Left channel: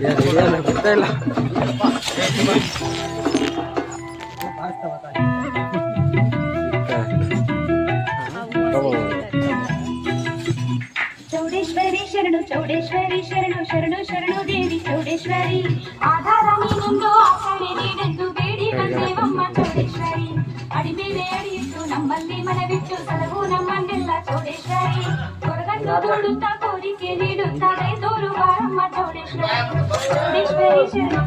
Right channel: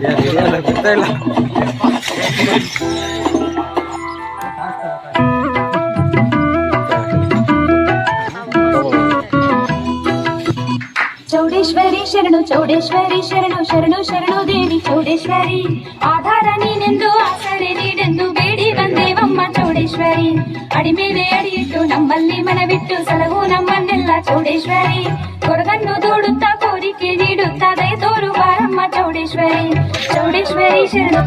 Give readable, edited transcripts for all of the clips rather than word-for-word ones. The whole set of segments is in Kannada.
ಗೊತ್ತಾ ಇಲ್ಲ. ಚೌಡೇಶ್ವರಿ ಶರಣು ಚೌಡೇಶ್ವರಿ ಶರಣು ಶರಣು ಶರಣು ದೇವಿ ಚೌಡೇಶ್ವರಿ ಆಧಾರ ನೀನೆಂದು ಆಸರೆ ನೀನೆಂದು ಬೇಡಿ ಬಂದೇವಮ್ಮ ಚೌಡೇಶ್ವರಿ ಅಡಿ ಮೇಲೆ ಅಡಿಯಿಟ್ಟು ನಮ್ಮಲ್ಲಿ ಮನವಿಟ್ಟು ಸಲಹು ನಮ್ಮನ್ನೆಲ್ಲ ಚೌಡೇಶ್ವರಿ ಕೊರಗನ್ನು ದೂಡುತ್ತಾ ಕೋರಿಕೆ ನೀಡುತ್ತಾ ದಯ ತೋರು ಬಾರಮ್ಮ ಚೌಡೇಶ್ವರಿ ಚೌಡೇಶ್ವರಿ ಶರಣು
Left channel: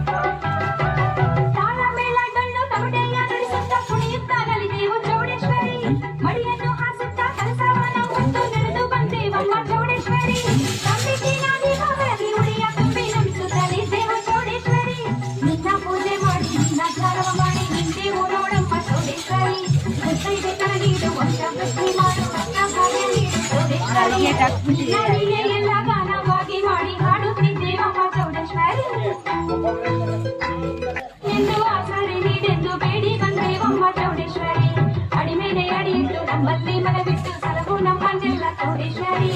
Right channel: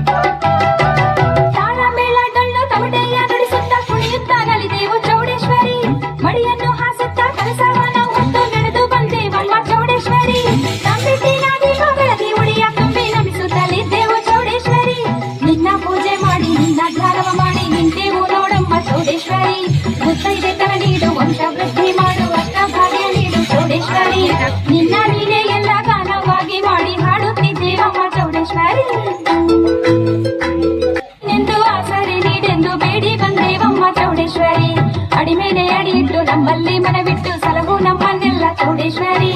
ತಾಳ ಮೇಳ ಡೊಳ್ಳು ತಮಟೆಯ ನುಡಿಸುತ್ತಾ ಕುಣಿಯುತ್ತಾ ನಲಿದೇವು ಚೌಡೇಶ್ವರಿ ಮಡಿಯನ್ನು ಹಾಸುತ್ತಾ ಕಲಸವ ನಾವು ಹೊತ್ತು ನಡೆದು ಬಂದೇವಮ್ಮ ಚೌಡೇಶ್ವರಿ ನಂಬಿಕೆ ನಾದಿ ಬೆಳದಿ ಉಡಿಯ ತುಂಬಿ ನಮಿಸುತ್ತಲಿದ್ದೇವು ಚೌಡೇಶ್ವರಿ ನಿನ್ನ ಪೂಜೆ ಮಾಡಿ ನಿನ್ನ ಧ್ಯಾನವ ಮಾಡಿ ನಿಂತೇವು ನೋಡಮ್ಮ ಚೌಡೇಶ್ವರಿ ಮುತ್ತೈದೆ ತರ ನೀಡು ವಂಶ ವೃದ್ಧಿ ಮಾಡು ಅಷ್ಟ ಭಾಗ್ಯ ನೀಡು ಚೌಡೇಶ್ವರಿ ನಿನ್ನ ನೀನೇ ಎಲ್ಲ ಗಾನವಾಗಿ ಮಾಡಿ ಹಾಡುತ್ತಿದ್ದೇವಮ್ಮ ಚೌಡೇಶ್ವರಿ ಎಂದು ಆಸರೆ ನೀಡೆಂದು ಬೇಡಿ ಬಂದೇವಮ್ಮ ಚೌಡೇಶ್ವರಿ ಅಡಿ ಮೇಲೆ ಅಡಿಯಿಟ್ಟು ನಮ್ಮಲ್ಲಿ ಮನವಿಟ್ಟು ಸಲಹು ನಮ್ಮನ್ನೆಲ್ಲ ಚೌಡೇಶ್ವರಿ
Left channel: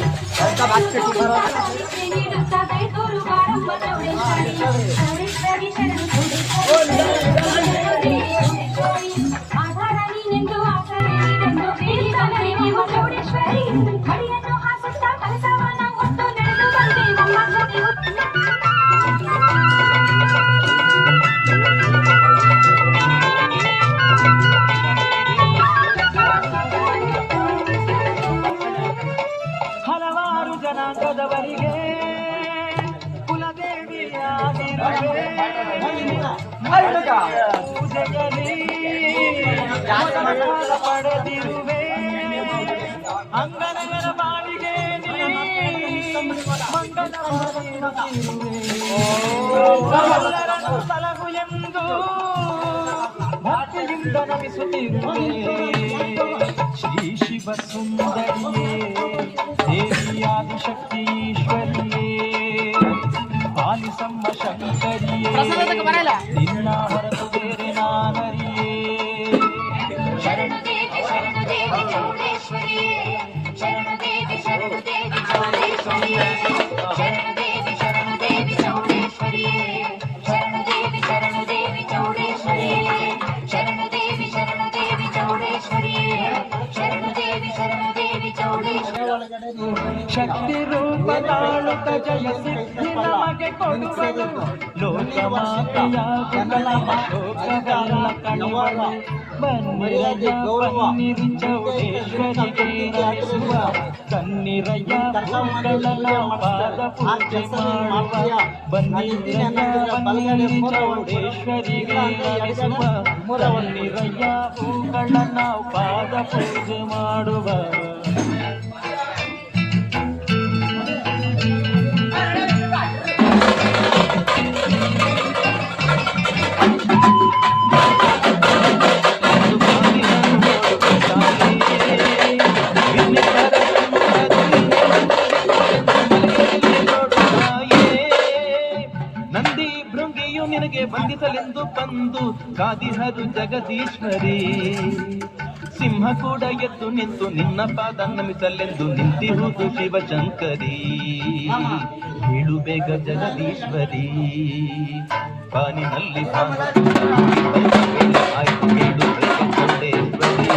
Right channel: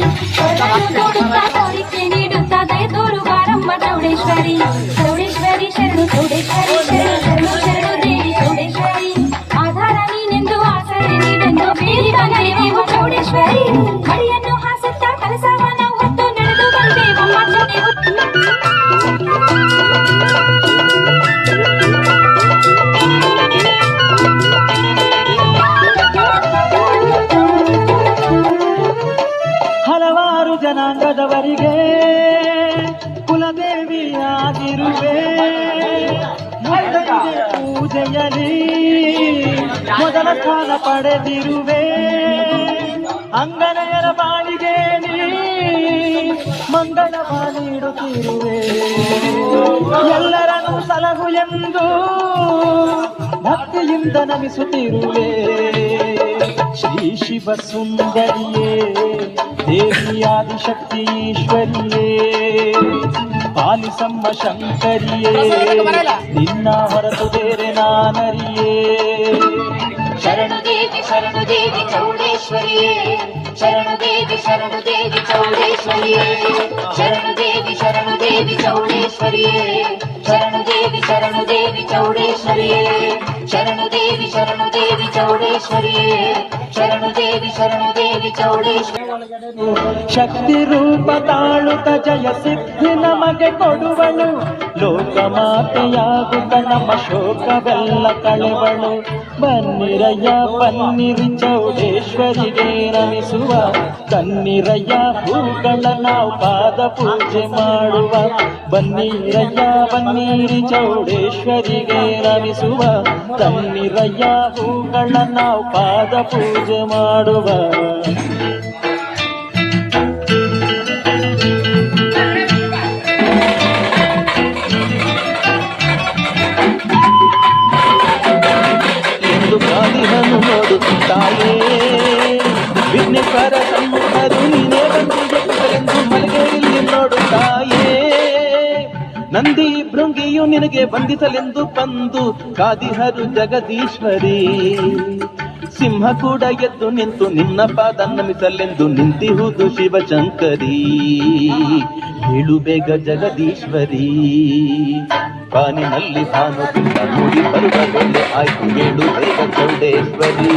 ಕೋರಿಕೆ ನೀಡುತ್ತಾ ದಯ ತೋರು ಬಾರಮ್ಮ ಚೌಡೇಶ್ವರಿ ಚೌಡೇಶ್ವರಿ ಶರಣು ಚೌಡೇಶ್ವರಿ ಶರಣು ದೇವಿ ಚೌಡೇಶ್ವರಿ ಆಧಾರ ನೀನೆಂದು ಆಸರೆ ನೀಡೆಂದು ಬೇಡಿ ಬಂದೇವು ಚೌಡೇಶ್ವರಿ ಮಡಿಯನ್ನು ಹಾಸುತ್ತಾ ಕಲಸವ ನಾವು ಹೊತ್ತು ನಡೆದು ಬಂದೇವಮ್ಮ ಹಲವಾರು ಜನಾಂಗದವರಿಗೆ ಕುಲದೇವಿಯಾಗಿರುವೆ ಪೂಜೆಯಲ್ಲಿ ಮೊದಲ ಸ್ಥಾನ ಪಡೆದಿರುವೆ ಅಂಗನೆಯರ ಬಾಳಿಗೆ ನೀ ಮಂಗಳವ ನೀಡುತ್ತಿರುವೆ ಎಲ್ಲರನ್ನು ಸಲಹು ಎಂದು ಭಕ್ತಿಯಿಂದ ನಮಿಸುತ್ತಿರುವೆ ಶ್ರೀ ಶಿವ ಸುಂದರಿಯೇ ದೇವಿಯಾದಿ ಶಕ್ತಿ ಈಶ್ವರಿಯೇ ಪಾಲಿಸಮ್ಮ ಶಂಕರಿಯೇ ನಿನ್ನ ಹೊರತು ಬೇರೆ ನಾನರಿಯೇ ಶರಣು ದೇವಿ ಚೌಡೇಶ್ವರಿಯೇ ಶರಣು ದೇವಿ ಚೌಡೇಶ್ವರಿಯೇ ಶರಣು ದೇವಿ ಚೌಡೇಶ್ವರಿಯೇ ಶರಣು ದೇವಿ ಚೌಡೇಶ್ವರಿಯೇ ಶರಣು ದೇವಿ ಚೌಡೇಶ್ವರಿಯೇ ಶರಣು ದೇವಿ ಚೌಡೇಶ್ವರಿ ಶಕ್ತಿ ರೂಪ ತಾಳುತ್ತ ಜಯ ಸಿದ್ಧಿ ನಮಗೆ ಕೊಡುವಳು ಲೋಕಮಾತೆಯಾಗುತ್ತ ನಮ್ಮ ಶೋಕವೆಲ್ಲ ಕಳೆವಳು ಬನ್ನಿರಯ್ಯ ಬನ್ನಿರಿ ಚೌಡೇಶ್ವರಿಗೆ ನಮಿಸುವ ಕನ್ನಿರಯ್ಯ ಹೂಗಳ ನಾವು ಪಾದ ಪೂಜೆ ಮಾಡುವ ಬನ್ನಿರಯ್ಯ ಬನ್ನಿರಿ ಚೌಡೇಶ್ವರಿಗೆ ನಮಿಸುವ ಕನ್ನಿರಯ್ಯ ಹೂಗಳ ನಾವು ಪಾದ ಪೂಜೆ ಮಾಡುವ ನಂದಿ ಭೃಂಗಿಯು ನಿನಗೆ ವಂದಿಸಲೆಂದು ಬಂದು ಕಾದಿಹರು ಜಗದೀಶ್ವರಿ ಸಿಂಹ ಕೂಡ ಎದ್ದು ನಿಂತು ನಿನ್ನ ಪಾದ ನಮಿಸಲೆಂದು ನಿಂತಿಹುದು ಶಿವಶಂಕರಿ ಹೇಳು ಬೇಗ ಜಗದೀಶ್ವರಿ ಕಾನಿನಲ್ಲಿ ತಾನು ಆಯ್ತು ಹೇಳು ಬೇಗ ಚೌಡೇಶ್ವರಿ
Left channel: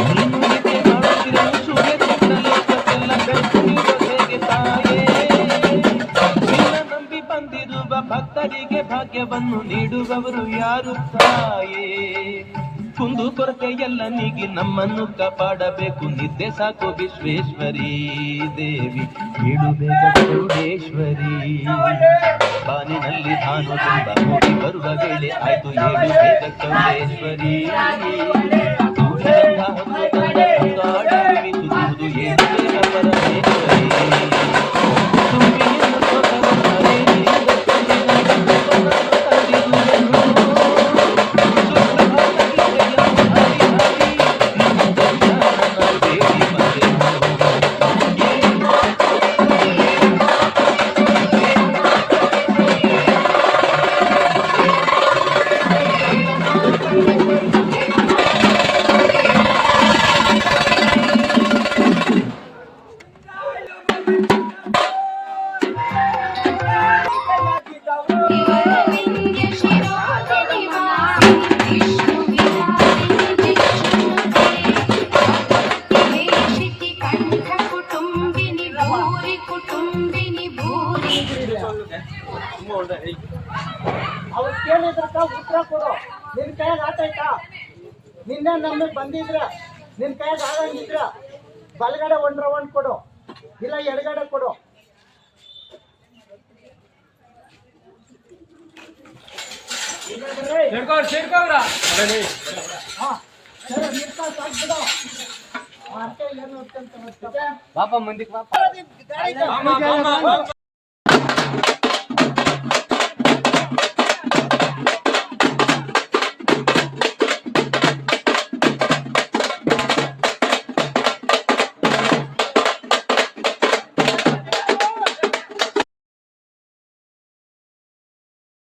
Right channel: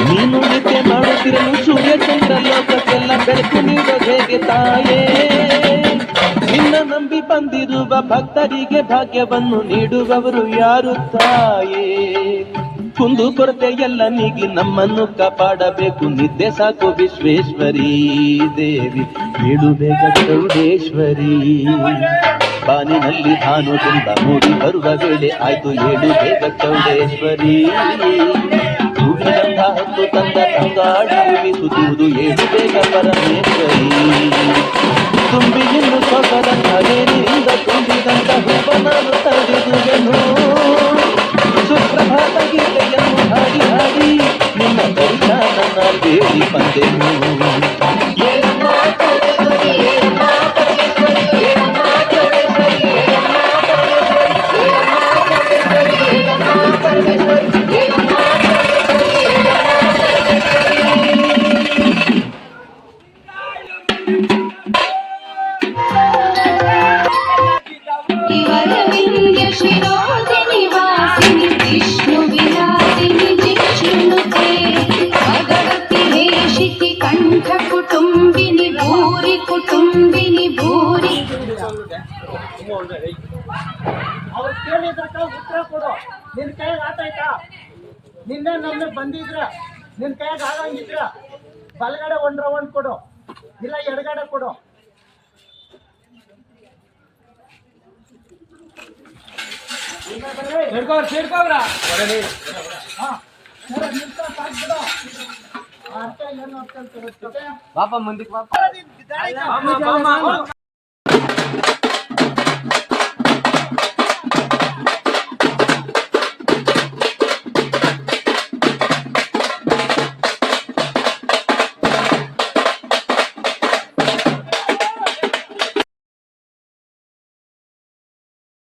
ನೀನು ನಿತ್ಯ ಮಾಡುತ್ತಿರಲು ಸೂರ್ಯ ಚಂದ್ರ ಲೋಕಕ್ಕೆಲ್ಲ ಬೆಳಕು ನೀಡೋದು ಹೇಗೆ ತಾಯೇ ನಿನ್ನ ನಂಬಿ ಬಂದಿರುವ ಭಕ್ತರಿಗೆ ಭಾಗ್ಯವನ್ನು ನೀಡುವವರು ಯಾರು ತಾಯೇ ಕುಂದು ಕೊರತೆ ಎಲ್ಲ ನೀಗಿ ನಮ್ಮನ್ನು ಕಾಪಾಡಬೇಕು ನಿದ್ದೆ ಸಾಕು ವಿಶ್ವೇಶ್ವರಿ ದೇವಿ ಹೇಳು ಬೇಗ ಚೌಡೇಶ್ವರಿ ಬಾನಿನಲ್ಲಿ ಭಾನು ತುಂಬ ಮೂಡಿ ಬರುವ ವೇಳೆ ಆಯ್ತು ಹೇಳು ಬೇಗ ಚೌಡೇಶ್ವರಿ ಹೊತ್ತು ತಂದ ತಂಗಾಡಿ ಸುತ್ತುವುದು ಹೇಳು ಬೇಗ ಪರಮೇಶ್ವರಿ ಅರವಿಂದ ಶಿರೋಧಿನಿ ವಾಸಿನಿ ವಿಷ್ಣು ವಿಲಾಸಿನಿ ಜಿಕ್ಷುನುತೆ ಭಗವತಿ ಹೇಷಿತಿ ಕಂಠ ಕುಟುಂಬಿನಿ ಭೂರಿ ಕುಟುಂಬಿನಿ ಭೂರಿ. ಅವ್ರು ಕೇಳಿದ್ರಕ್ಕ ಉತ್ತರ ಕೊಡು. ನಿನ್ ಕೈಯಾಗ ಆಟಾಯ್ತಾ? ನಿನ್ನೆ ನಮಗೆ ಬಂದಿದ್ರ ನಿನ್ ಕೈಯಾಗ ಆಗಂಗಿದ್ರ ಬಲಗಡೆ ಒಂದ್ ರೌಂಡ್ ಕೊಡು, ಇಲ್ಲ ಎಡಗಡೆ ಕೊಡು. ಹಾ ಸರಿ, ನಿಂತ ಸಾಕ್ಬಿಡು. ಅರ್ಥ ಏನು ಅಂತ ಗೊತ್ತಿದೆ? ಪಾಪ ಮುಂದಕ್ಕೆ ಪಾಪ